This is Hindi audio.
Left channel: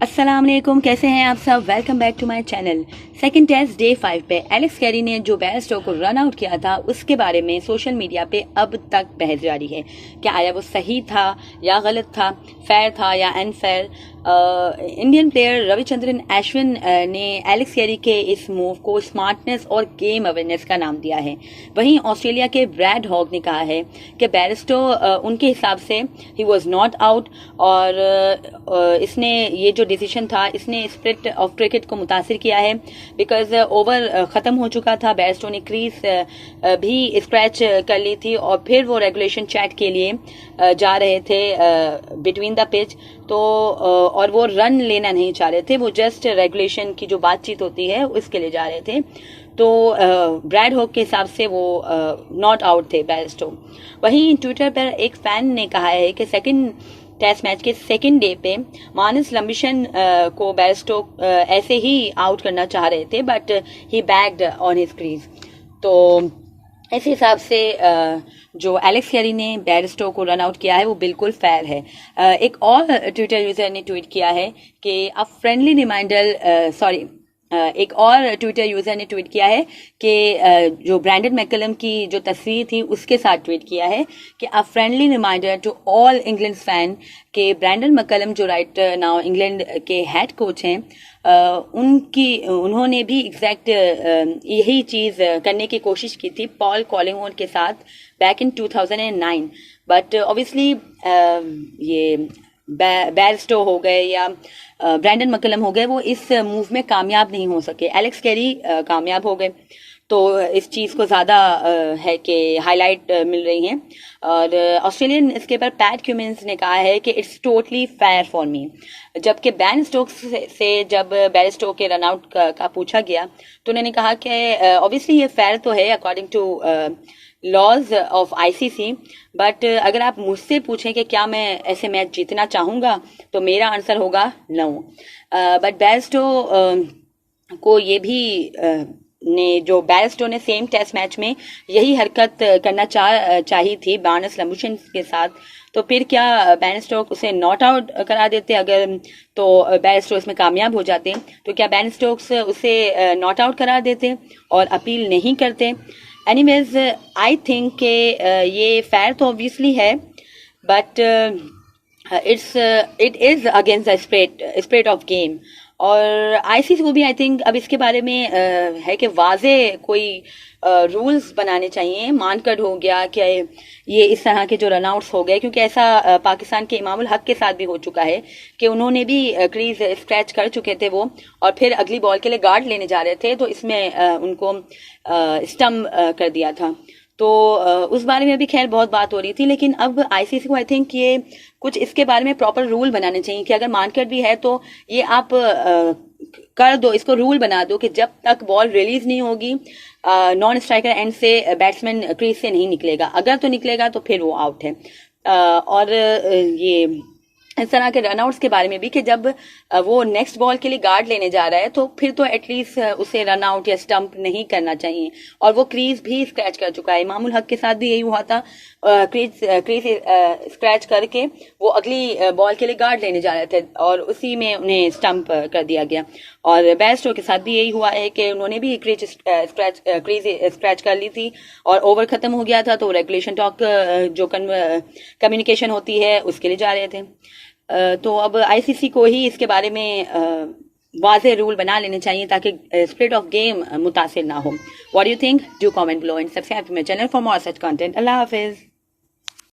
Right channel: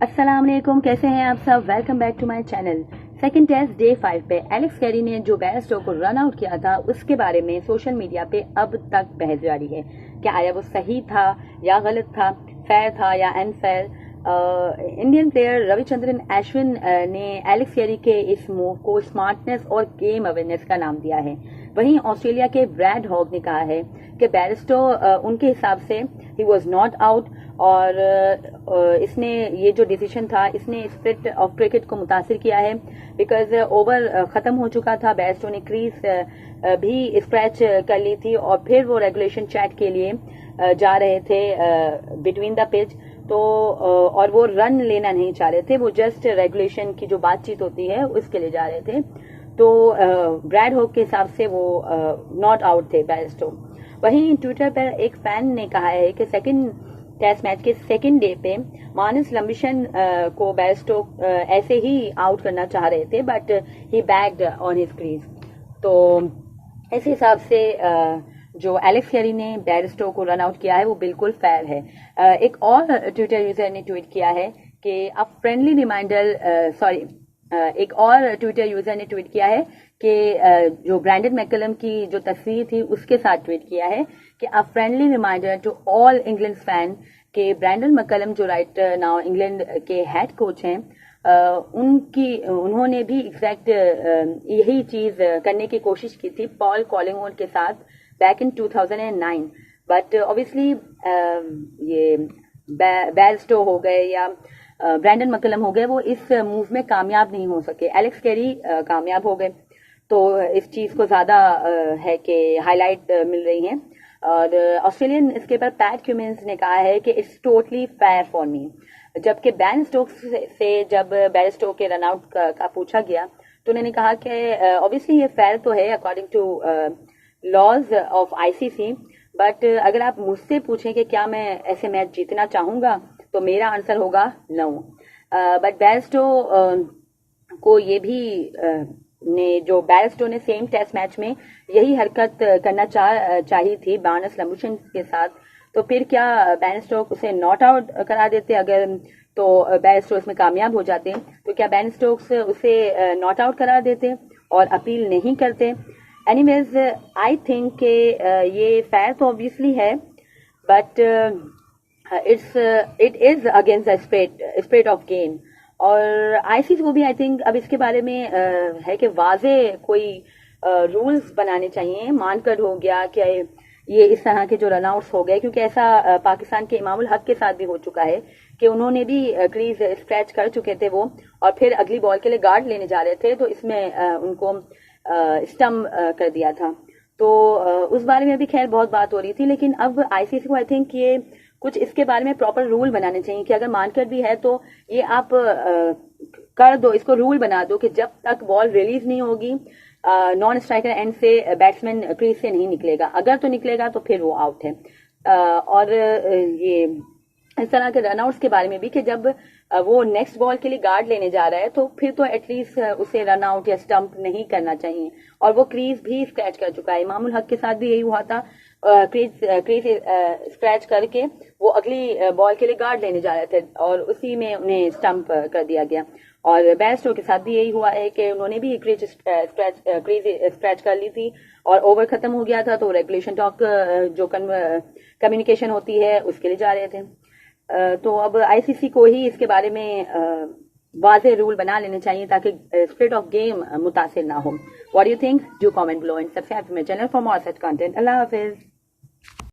अस्सलाम वालेकुम, कैसे हैं आप सब। Welcome back to my channel. Second test day 5 पे एलेक्स कैरी ने जो बेयरस्टो को रन आउट किया था उसके बारे में सोशल मीडिया पे अब तक बहस जारी है। क्या आया वो सही था या गलत था, फेयर था या unfair. Indian player Ravichandran Ashwin ने एलेक्स कैरी के इस मूव को स्मार्टनेस और गेम अवेयरनेस का नाम दिया है। वहीं ऑस्ट्रेलिया के ब्रैड हॉग ने कहा है कि बेयरस्टो उनके हिसाब से ही वॉज नॉट आउट और इसने ये जो डिसीजन था इसने स्प्रिट ऑफ क्रिकेट को मुतासिर किया है बिकॉज ओवर ख़त्म हो चुका था। बेयरस्टो ने क्रीज भी स्क्रैच कर ली थी और फिर वो रेगुलेशन चैट के लिए जा रहे थे बिटवीन द पिच। तो और वो रन लेना नहीं चाह रहे थे, वो जस्ट रेगुलेशन की जो बातचीत होती है उसके लिए जा रहे थे। तो ब्रैड हॉक के हिसाब से वो नॉट आउट थे बेयरस्टो। वहीं ट्विटर पर एक फैन ने कहा है कि सेकंड टेस्ट मैच के सेकंड डे पे मानस लंबिशन को बेयरस्टो ऐसे ही आउट करना चाह रहे थे but he bagged on his crease. तो इस हिसाब से जो एलेक्स कैरी ने बेयरस्टो को रन आउट किया है वो बिल्कुल फेयर है। एक और ट्विटर यूजर ने ट्वीट किया है कि अ फ्रेंडली रिमाइंडर एक और ट्विटर यूजर ने ट्वीट किया है कि जो ब्रैंडन मैकलम की जो तस्वीर थी उसके साथ ट्वीट किया है कि a friendly reminder to all England fan के ब्रैंडन मैकलम जो राइट नाउ इंग्लैंड के हेड कोच हैं उन्होंने भी एग्जैक्ट यही चीज करने की कोशिश की थी पॉल कॉलिंगवुड के साथ बैक इन 2009। बट ऑब्वियसली ये बेयरस्टो हो गए या ब्रैंडन मैकलम हो गए, वो इस मूव में कामयाब नहीं हो सके। एलेक्स कैरी कामयाब हो गए, तो इस चीज़ को ज़्यादा है कि हाईलाइट मिल रही हैं। और ऑस्ट्रेलियन इसके ऊपर पैट क्यूमिंस ने कहा है कि it's totally fair for me. जबकि बैन स्टोक्स से जब बेयरस्टो के रनआउट का पूछा गया तो उन्होंने कहा कि ऑब्वियसली ये फेयर तो है according to laws of ICC, but अगर आप मुझसे पूछें कि क्या मैं ऐसे मैच जीतना चाहूँगा तो मेरा आंसर होगा नो। बट बेयरस्टो को ये भी जो बेयरस्टो ने सेम टेस्ट मैच में यही हरकत करना चाहिए थी मानस लंबिशन के साथ, तो फिर क्या बेयरस्टो उसे नॉट आउट करा देते अगर, तो बेयरस्टो इसमें कामयाब हो जाते तो क्या बेयरस्टो उसे नॉट आउट करा देते और अपील नहीं करते। एनीवेज आई थिंक कि ये फेयर तो ऑब्वियसली है but it is against the spirit of game. और आईसीसी को भी आई थिंक अब इसके बारे में है कि वाजे कोई रूल्स बनाने चाहिए। मानकड हो गया कि ये इस तरह के जो रनआउट्स हो गए, क्योंकि ऐसा पाकिस्तान के इमामुल हक के साथ भी हो चुका है कि उन्होंने भी क्रीज स्क्रैच कर चुके थे वो और फिर अगली बॉल के लिए गार्ड लेने जा रहे थे तो इसमें उनको स्टम्प कर दिया था। तो उस बारे में भी खैर बहुत बात हो रही थी, लेकिन अब आईसीसी को आई थिंक ये कुछ इसके बारे में प्रॉपर रूल बनाने चाहिए कि अगर मानकट भी है तो ये आप कर दो, इसको रूल बना दो कि जब तक बॉल रिलीज नहीं होगी नॉन स्ट्राइकर एंड से बैट्समैन क्रीज से नहीं निकलेगा, अगर तो निकलेगा तो फिर वो आउट है। और ये इस तरह के रनआउट्स के बारे में भी कि जब वो नेक्स्ट बॉल के लिए गार्ड लेने जा रहा है तो फिर तो एटलीस्ट उसे रन आउट या स्टंप नहीं करना चाहिए। और वो क्रीज भी स्क्रैच कर चुका है, इमामुल हक के साथ भी यही हुआ था। क्रीज स्क्रैच करके वो अगली बॉल के लिए गार्ड लेने जा रहे थे और उसी में उन्हें स्टंप कर दिया गया। और बेयरस्टो के साथ भी यही हुआ है कि उन्होंने भी क्रीज स्क्रैच कर ली थी और ओवर खत्म हो गया था तो रेगुलेशन टॉक जो कम्युनिकेशन होती है उसके लिए जा रहे थे। तो अब आईसीसी को ही इसके बारे में वाज़े रूल बना लेने चाहिए ताकि स्पिरिट ऑफ गेम मुतासिर ना हो। What do you think? Do comment below and subscribe to my channel for more such content. अल्लाह हाफिज।